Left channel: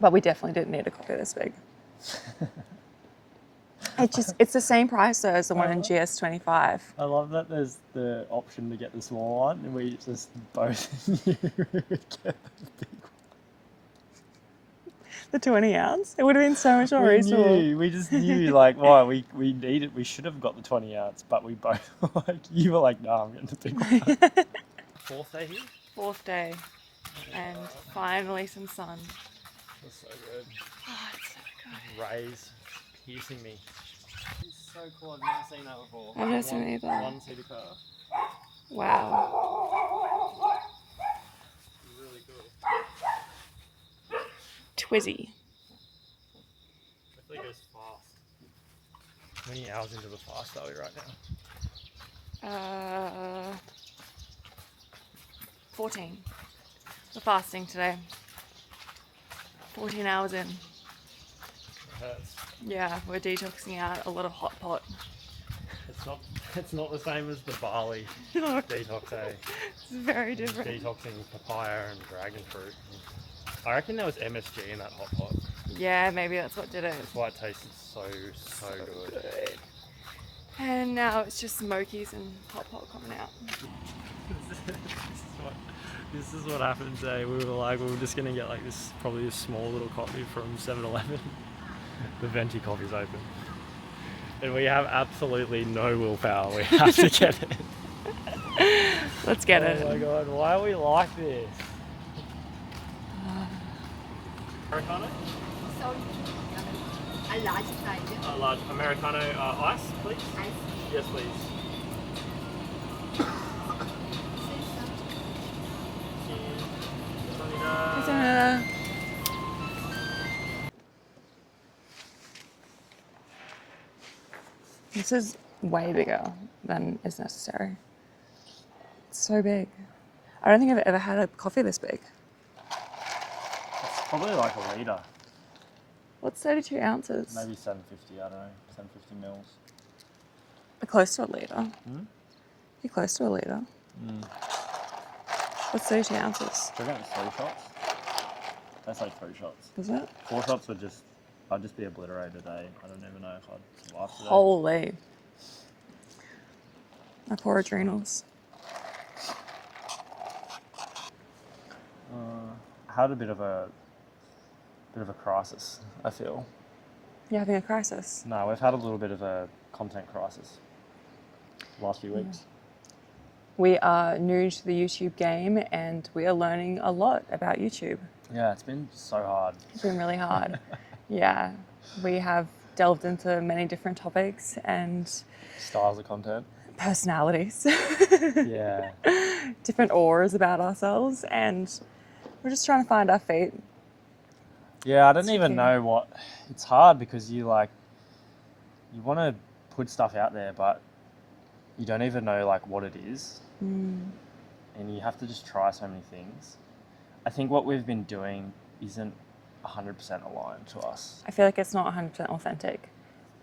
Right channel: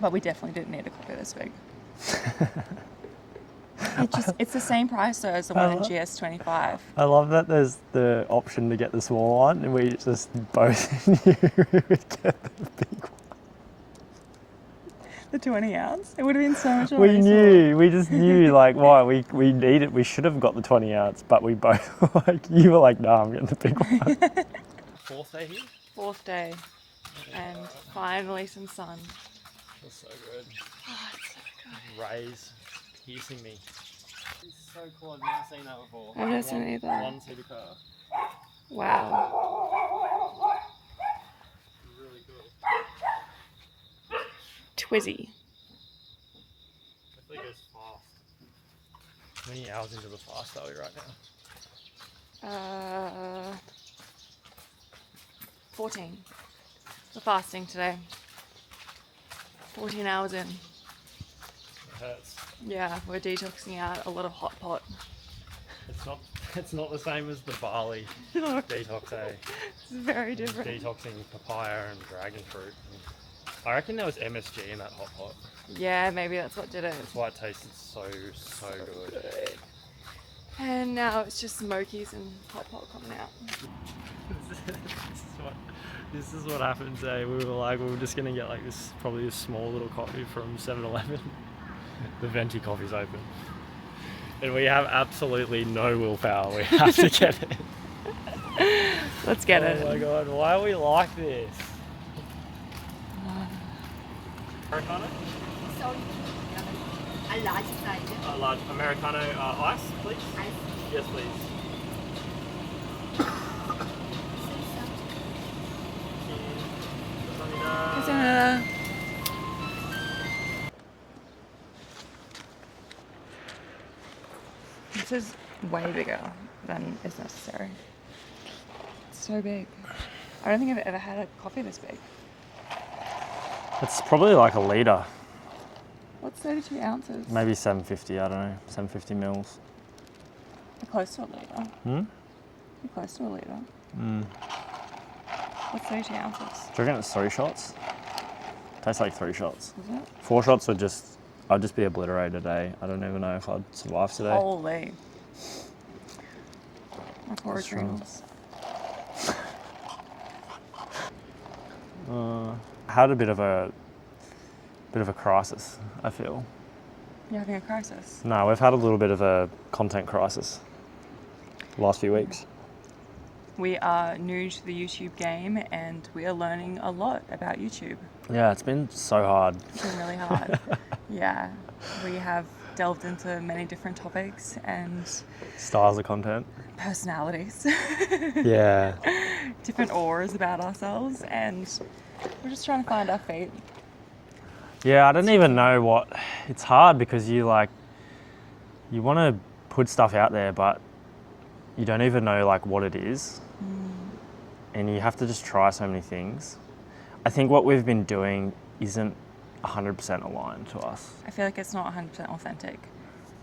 But we definitely didn't need a coffee this big. It's the same price though as the one in GS25. I love that there's the option to get the small one, and we just both knew we would get the big one. The 20 ounce? It would have been so much more We reasonable. we just knew, like, why we needed, we should have got the 20 ounce, but we both, like, you were like, nah, I'm getting the big one. Fourth day here? Fourth day, and finally some sun. That's so good. Oh, it's so good. Rays piercing me. It's so cool, I've never seen that before. I've never seen it either. One-seater car. Wow. Really good. Twizzy. Hopefully it goes fast. How many hours into the fast are we right now? 14. We're fasting today. 14 hours in. It hurts. Yeah, we're detoxing out a lot of hot pot. It's not the same as the barley detox, eh? It's very different. Detoxing papaya and dragon fruit. I reckon there was MSG in that hot pot. Yeah, maybe that's what did it. That's why it tasted so good. And now it's just smokies and hot pot coming out. This is what happens, eh? We were just gonna get like this, probably a small little coffee from 7-Eleven. The venti coffee's open. And we have absolutely no willpower. We have to get it. Let's get it. Oh my god, why are we like this? Americano? Sorry, a large size. A large Americano ice, please? Ice. Yes, please. This is way bigger than is necessary. It's so big. I don't think I've ever had a coffee this big. It's probably like a litre. What's 32 ounces? Maybe 750, I don't know, 750 mils. You're close to a litre. Hmm? You're close to a litre. What's 32 ounces? Do you reckon it's 3 shots? Tastes like 3 shots. Is it? 4 shots would I'd just be obliterated today. I don't even know if I'd survive today. Holy. My poor adrenals. I had a bit of a crisis, I feel. You're having a crisis. No, we've had a little bit of a content crisis the last few weeks. We are new to the YouTube game and we are learning a lot about YouTube. Yeah, it's been so hard. It's been really hard. Yeah, we have delved into many different topics and Styles of content. personalities, Yeah. different auras about ourselves, and we're just trying to find our feet. Yeah, I don't even know what... It's hard because you want to put stuff out there, but you don't even know like what it is. And you have to just try so many things. I think what we've been doing isn't 100% aligned to us. I feel like it's not 100% authentic.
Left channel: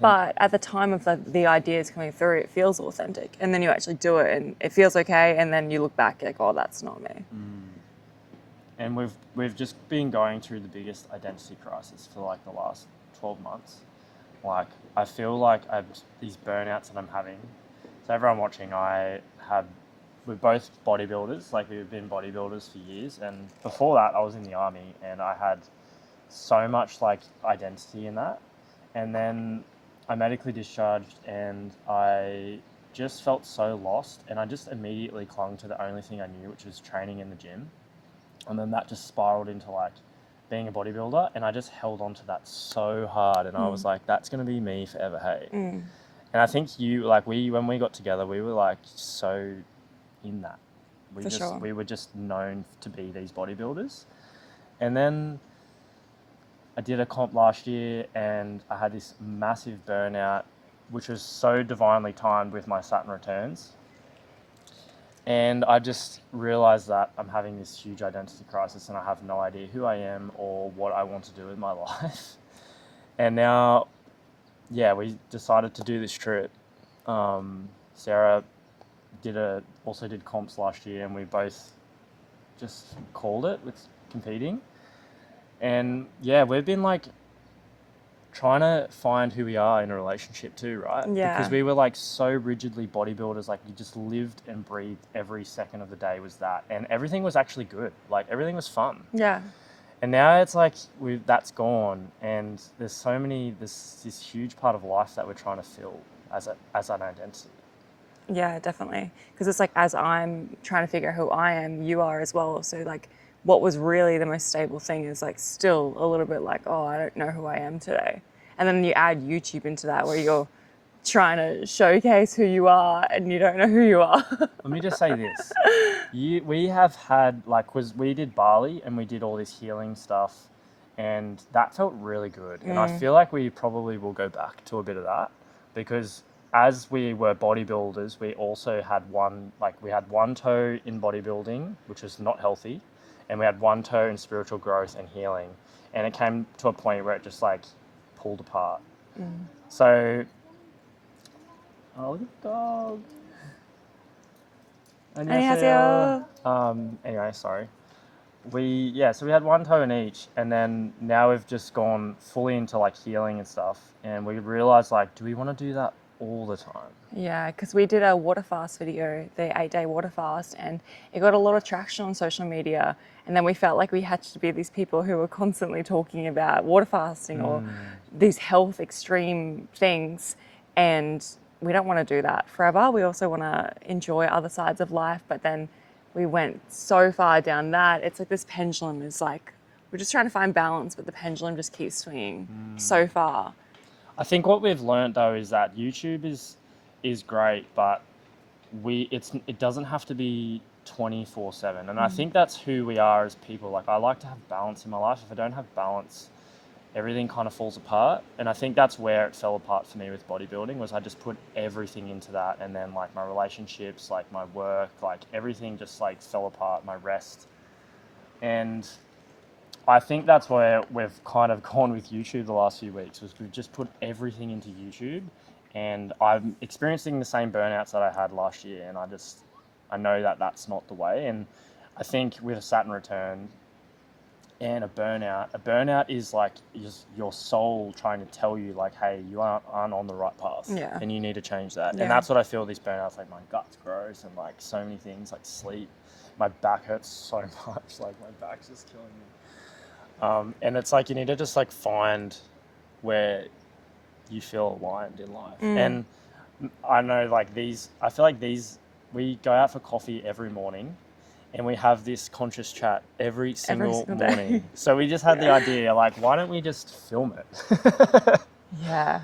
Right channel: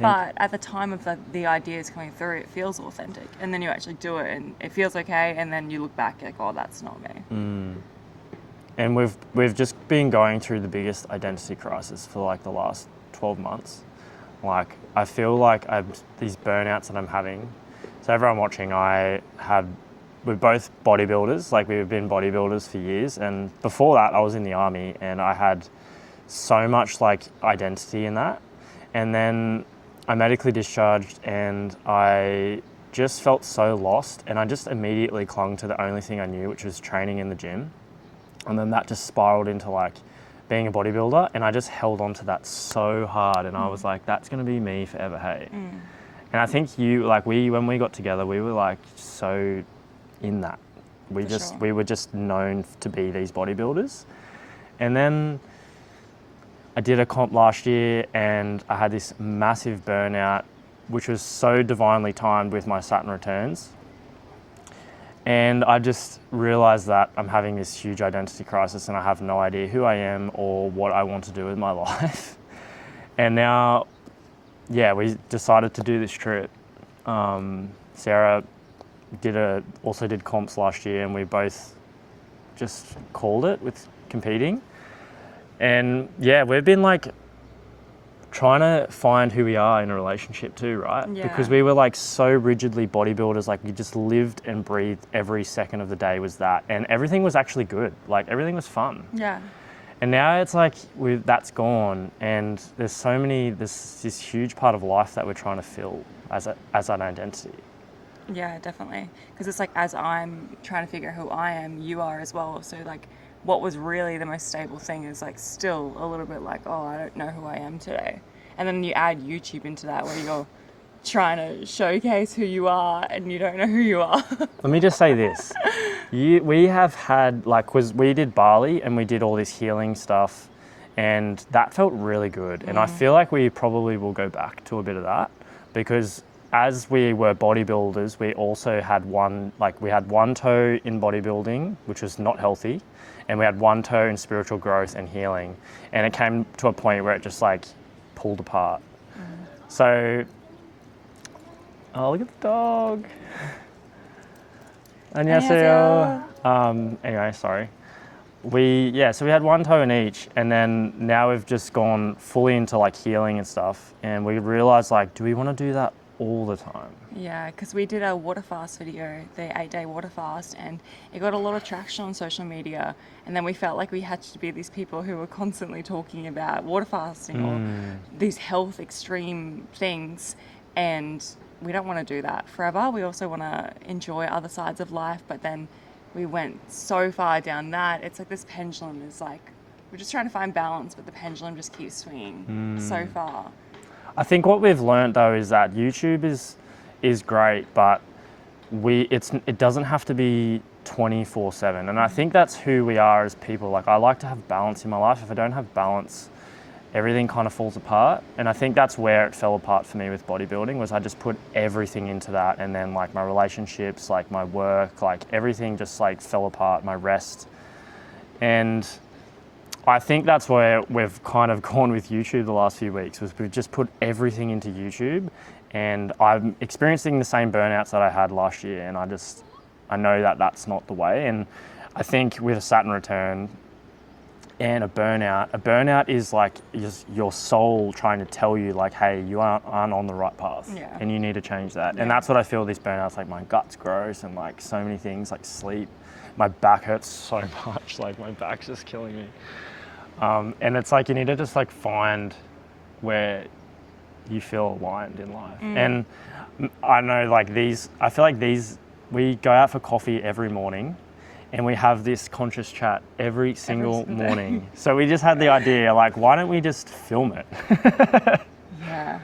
But at the time of the ideas coming through, it feels authentic. And then you actually do it and it feels okay. And then you look back like, oh, that's not me. And we've just been going through the biggest identity crisis for like the last 12 months. Like, I feel like these burnouts that I'm having. So everyone watching, we're both bodybuilders. Like, we've been bodybuilders for years. And before that, I was in the army and I had so much like identity in that. And then I medically discharged and I just felt so lost. And I just immediately clung to the only thing I knew, which was training in the gym. And then that just spiraled into like being a bodybuilder, and I just held on to that so hard, and I was like, that's gonna be me forever, hey. And I think when we got together, we were like so in that. We were just known to be these bodybuilders. And then I did a comp last year and I had this massive burnout, which was so divinely timed with my Saturn returns. And I just realized that I'm having this huge identity crisis and I have no idea who I am or what I want to do with my life. And now, yeah, we decided to do this trip. Sarah also did comps last year and we both just called it with competing. And yeah, we've been like trying to find who we are in a relationship too, right? Yeah. Because we were like so rigidly bodybuilders, like we just lived and breathed every second of the day was that. And everything was actually good. Like everything was fun. Yeah. And now it's like that's gone, and there's this huge part of life that we're trying to fill as an identity. Yeah, definitely. Because it's like, as I'm trying to figure out who I am, you are as well. So like, what was really the most stable thing is like still a little bit like, oh, I don't know who I am today. And then you add YouTube into that, where you're trying to showcase who you are and you don't know who you are. Let me just say this. We have had, like, we did Bali and we did all this healing stuff, and that felt really good. And I feel like we probably will go back to a bit of that, because as we were bodybuilders, we also had one toe in bodybuilding, which was not healthy, and we had one toe in spiritual growth and healing. And it came to a point where it just like pulled apart. So, oh, look at the dog. 안녕하세요. Anyway, sorry. So we had one toe in each, and then now we've just gone fully into like healing and stuff, and we realized, like, do we want to do that all the time? Yeah, because we did a water fast video, the 8-day water fast, and it got a lot of traction on social media. And then we felt like we had to be these people who were constantly talking about water fasting or these health extreme things. And we don't want to do that forever. We also want to enjoy other sides of life. But then we went so far down that it's like this pendulum is like, we're just trying to find balance, but the pendulum just keeps swinging so far. I think what we've learned though is that YouTube is great, but it doesn't have to be 24/7. And I think that's who we are as people. Like, I like to have balance in my life. If I don't have balance, everything kind of falls apart. And I think that's where it fell apart for me with bodybuilding, was I just put everything into that, and then like my relationships, like my work, like everything just like fell apart, my rest. And I think that's where we've kind of gone with YouTube the last few weeks, was we've just put everything into YouTube. And I'm experiencing the same burnouts that I had last year, and I know that that's not the way. And I think with a Saturn return and a burnout is like your soul trying to tell you, like, hey, you aren't on the right path, and you need to change that. And that's what I feel these burnouts, like my gut's gross, and like so many things, like sleep. My back hurts so much, like my back's just killing me. And it's like you need to just like find where you feel aligned in life. And I know like I feel like we go out for coffee every morning, and we have this conscious chat every single morning. So we just had the idea, like, why don't we just film it? Yeah.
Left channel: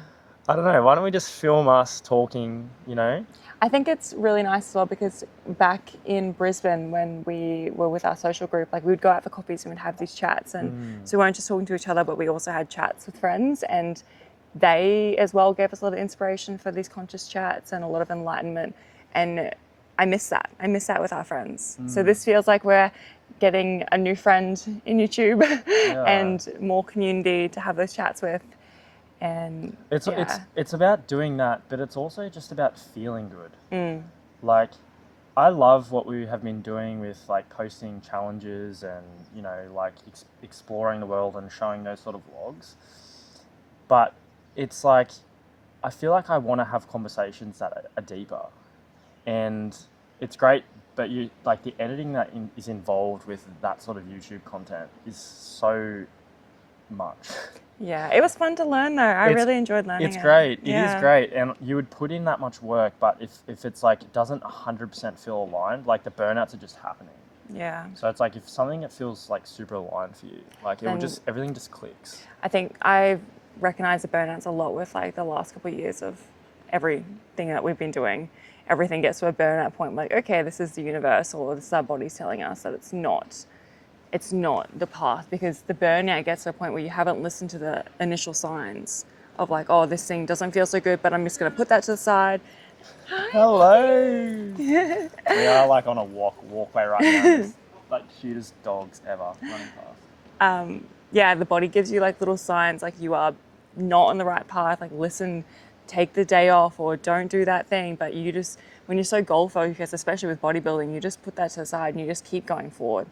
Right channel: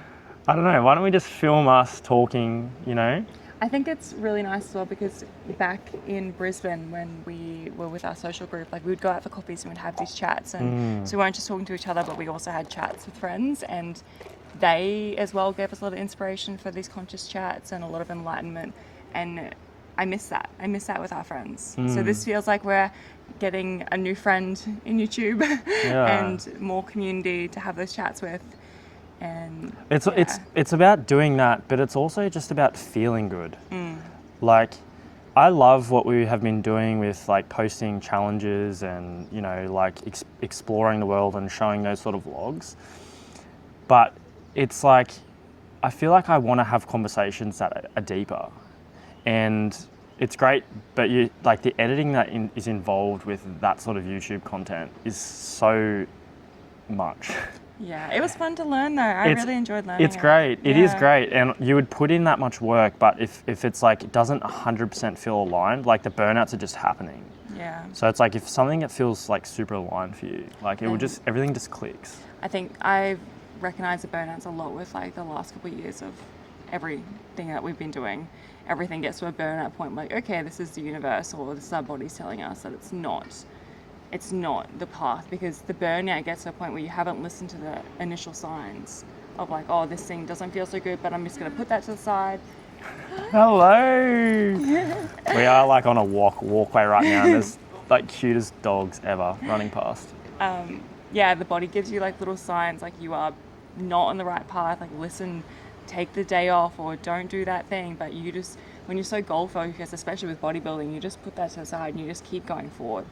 I don't know, why don't we just film us talking, you know? I think it's really nice as well, because back in Brisbane when we were with our social group, like we would go out for coffees and we'd have these chats, and so we weren't just talking to each other, but we also had chats with friends, and they as well gave us a lot of inspiration for these conscious chats and a lot of enlightenment. And I miss that. I miss that with our friends. So this feels like we're getting a new friend in YouTube and more community to have those chats with. And it's about doing that, but it's also just about feeling good. Like, I love what we have been doing with like posting challenges and, you know, like exploring the world and showing those sort of vlogs. But it's like, I feel like I want to have conversations that are deeper, and it's great, but you like the editing that is involved with that sort of YouTube content is so much. Yeah, it was fun to learn though. I really enjoyed learning. It's great. It is great. And you would put in that much work, but if it's like, it doesn't 100% feel aligned, like the burnouts are just happening. Yeah. So it's like, if something that feels like super aligned for you, like everything just clicks. I think I've recognized the burnouts a lot with like the last couple of years of everything that we've been doing. Everything gets to a burnout point, like, okay, this is the universe, or this is our bodies telling us that it's not the path, because the burnout gets to a point where you haven't listened to the initial signs of like, oh, this thing doesn't feel so good, but I'm just going to put that to the side. Hello. We are like on a walkway right now, and there's like cutest dogs ever running past. The body gives you like little signs, like you are not on the right path, like listen, take the day off, or don't do that thing. But you just, when you're so goal focused, especially with bodybuilding, you just put that to the side and you just keep going forward.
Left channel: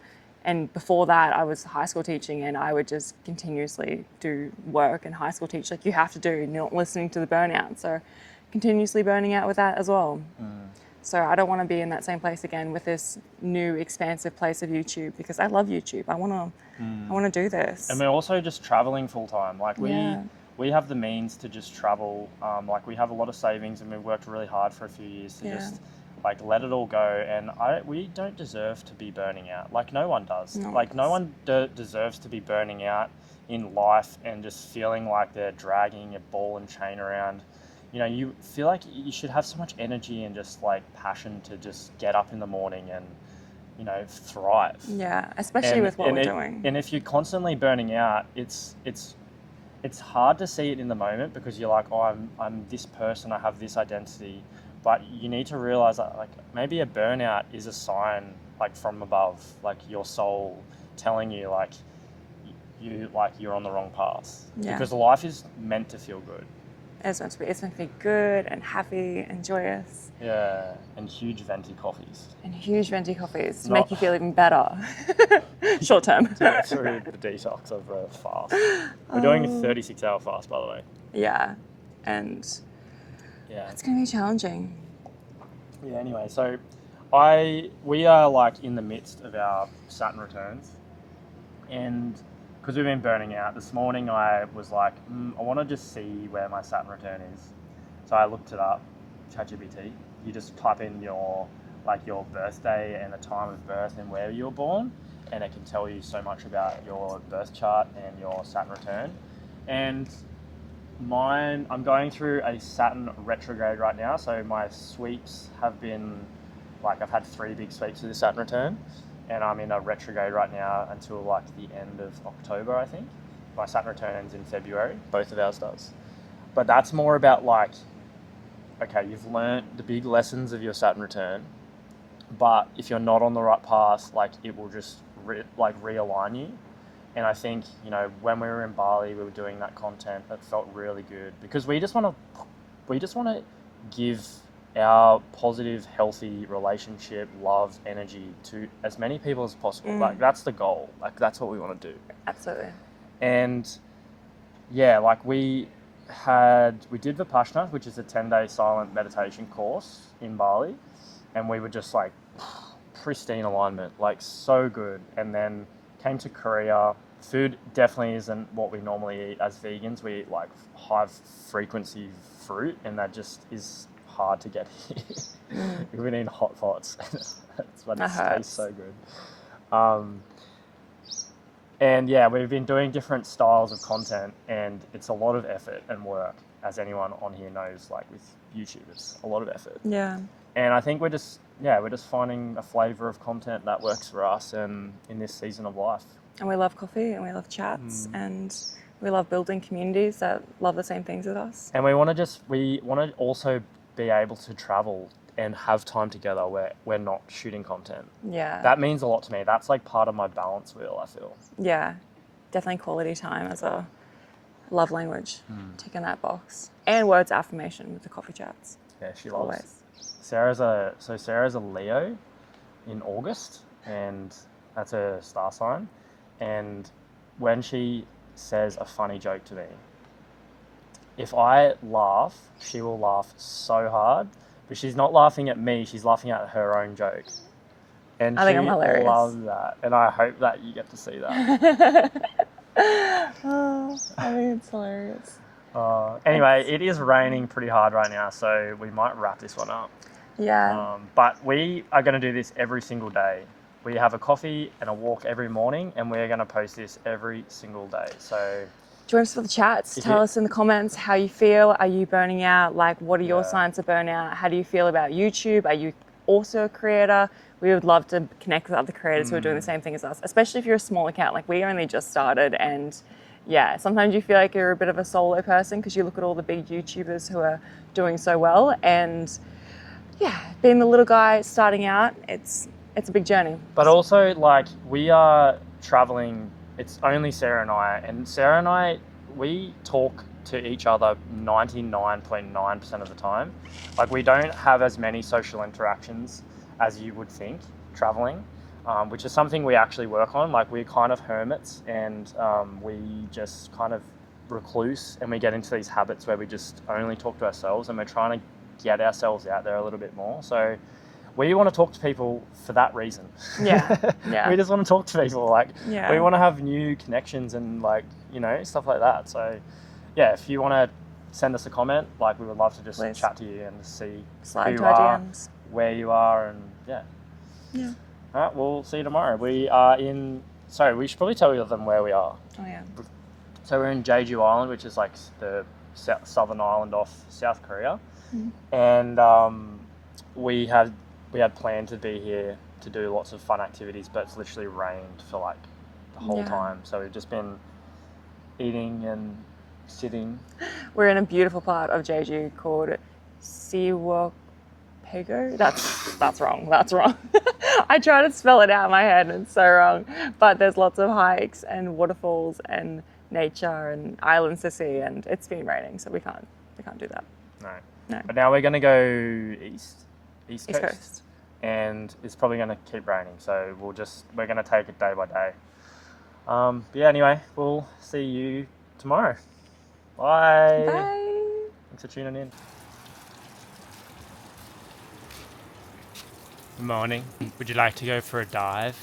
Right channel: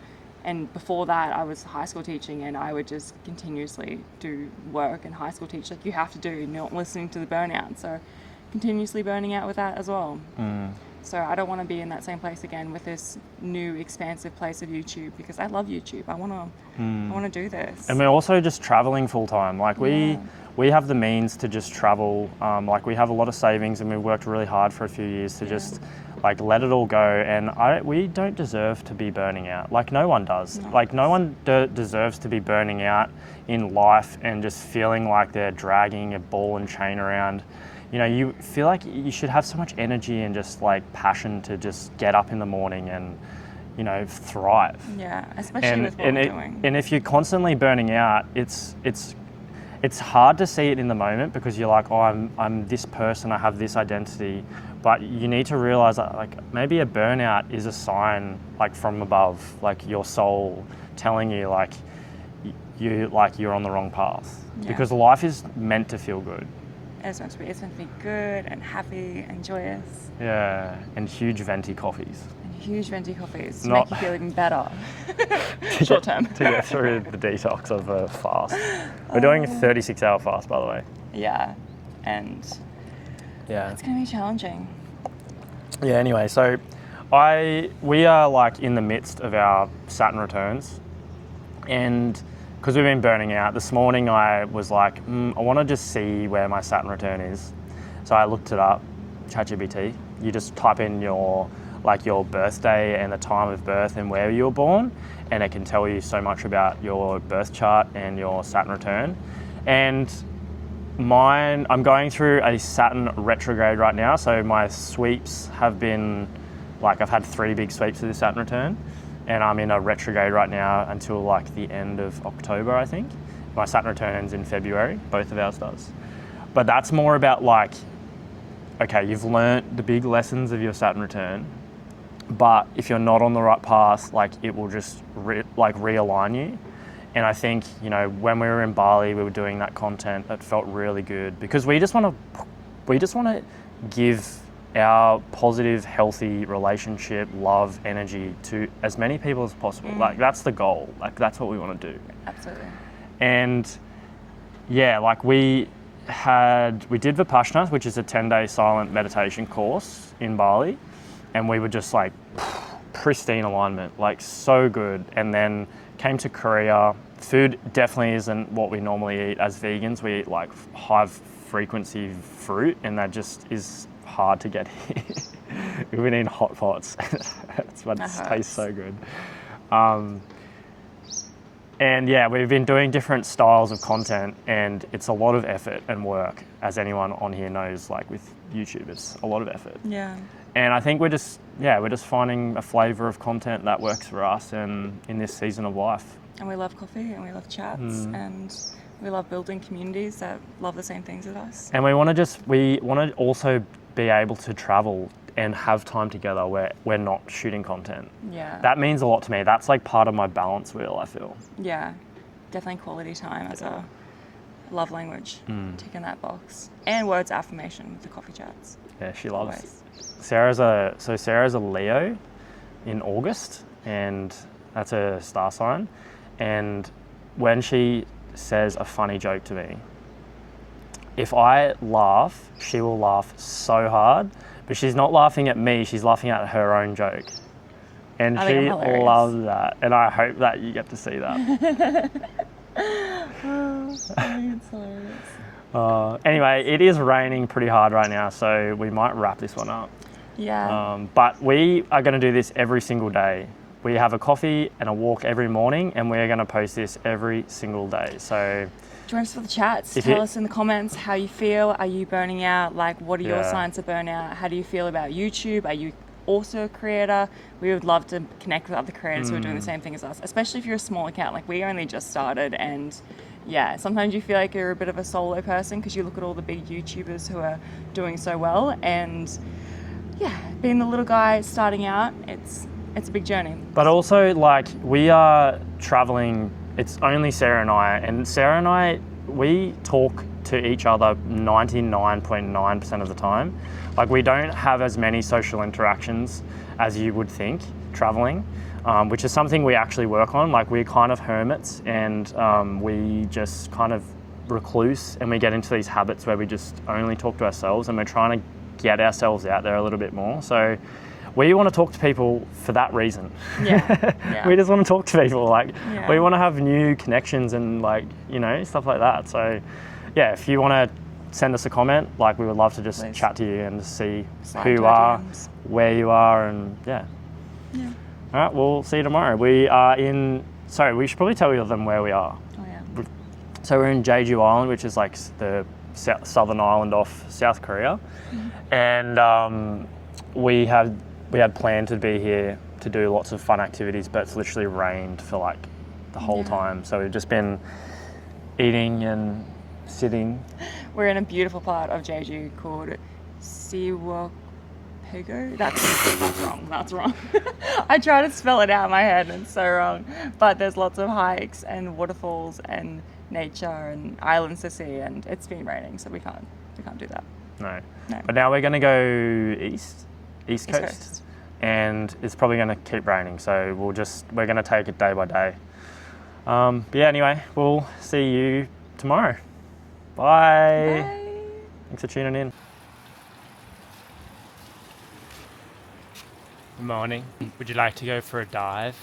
And before that, I was high school teaching, and I would just continuously do work and high school teach like you have to do, not listening to the burnout. So continuously burning out with that as well. So I don't want to be in that same place again with this new expansive place of YouTube, because I love YouTube. I want to do this. And we're also just traveling full time. Like we have the means to just travel. Like we have a lot of savings, and we worked really hard for a few years to just like let it all go. And we don't deserve to be burning out. Like no one does. No one deserves to be burning out in life and just feeling like they're dragging a ball and chain around. You know, you feel like you should have so much energy and just like passion to just get up in the morning and, you know, thrive. Yeah, especially with what we're doing. And if you're constantly burning out, it's hard to see it in the moment, because you're like, oh, I'm this person, I have this identity. But you need to realize that like maybe a burnout is a sign like from above, like your soul telling you like you're on the wrong path. Because life is meant to feel good. It's meant to be good and happy and joyous. Yeah, and huge venti coffees. And huge venti coffees to make you feel even better. Short term. To get through the detox of a fast. We're doing a 36-hour fast, by the way. Yeah, and it's going to be challenging. Yeah, anyway, so we are like in the midst of our Saturn returns, and because we've been burning out, this morning I was like, I want to just see where my Saturn return is. So I looked it up, ChatGPT. You just type in your birthday and the time of birth and where you were born, and it can tell you so much about your birth chart and your Saturn return. And I'm going through a Saturn retrograde right now, so my sweeps have been, like I've had 3 big sweeps of this Saturn return. And I'm in a retrograde right now until like the end of October, I think. My Saturn return ends in February, both of ours does. But that's more about like, okay, you've learnt the big lessons of your Saturn return, but if you're not on the right path, like it will just realign you. And I think, you know, when we were in Bali, we were doing that content that felt really good, because we just want to give our positive, healthy relationship, love, energy to as many people as possible. Like that's the goal. Like that's what we want to do. Absolutely. And yeah, like we did Vipassana, which is a 10-day silent meditation course in Bali, and we were just like pristine alignment, like so good. And then came to Korea. Food definitely isn't what we normally eat as vegans. We eat like high frequency fruit, and that just is hard to get here. We've been eating hot pots. It tastes so good. And yeah, we've been doing different styles of content, and it's a lot of effort and work, as anyone on here knows. Like with YouTube, it's a lot of effort. Yeah. And I think we're just finding a flavour of content that works for us and in this season of life. And we love coffee, and we love chats, and we love building communities that love the same things as us. And we want to also be able to travel and have time together where we're not shooting content. Yeah. That means a lot to me. That's like part of my balance wheel, I feel. Yeah. Definitely quality time as a love language. Ticking that box. And words of affirmation with the coffee chats. Yeah, she loves. Always. Sarah's a Leo in August, and that's a star sign. And when she says a funny joke to me, if I laugh, she will laugh so hard, but she's not laughing at me, she's laughing at her own joke. And she loves that, and I hope that you get to see that. I think it's hilarious. Anyway, it is raining pretty hard right now, so we might wrap this one up. Yeah. But we are going to do this every single day. We have a coffee and a walk every morning, and we're going to post this every single day. So join us for the chats. Tell us in the comments how you feel. Are you burning out? Like, what are your signs of burnout? How do you feel about YouTube? Are you also a creator? We would love to connect with other creators who are doing the same thing as us, especially if you're a small account. Like, we only just started, and yeah, sometimes you feel like you're a bit of a solo person because you look at all the big YouTubers who are doing so well, and yeah, being the little guy starting out, it's a big journey. But also, like, we are traveling, it's only Sarah and I, we talk to each other 99.9% of the time. Like, we don't have as many social interactions as you would think traveling. which is something we actually work on. Like we're kind of hermits, and we just kind of recluse, and we get into these habits where we just only talk to ourselves, and we're trying to get ourselves out there a little bit more. So we want to talk to people for that reason. Yeah. We just want to talk to people. Like Yeah. we want to have new connections and like, you know, stuff like that. So yeah, if you want to send us a comment, like we would love to just Please. chat to you and see Slide who you into our are, DMs. where you are, and yeah. All right, we'll see you tomorrow. We are in, sorry, we should probably tell you them where we are. Oh yeah. So we're in Jeju Island, which is like the southern island off South Korea. And we had planned to be here to do lots of fun activities, but it's literally rained for like the whole time. So we've just been eating and sitting. We're in a beautiful part of Jeju called Siwokpego. That's wrong. That's wrong. I try to spell it out in my head and it's so wrong. But there's lots of hikes and waterfalls and nature and islands to see, and it's been raining, so we can't do that. No. No. But now we're going to go east coast, Coast. and it's probably going to keep raining. So we're going to take it day by day. But yeah, anyway, we'll see you tomorrow. Bye. Bye. Thanks for tuning in. Good morning. Would you like to go for a dive?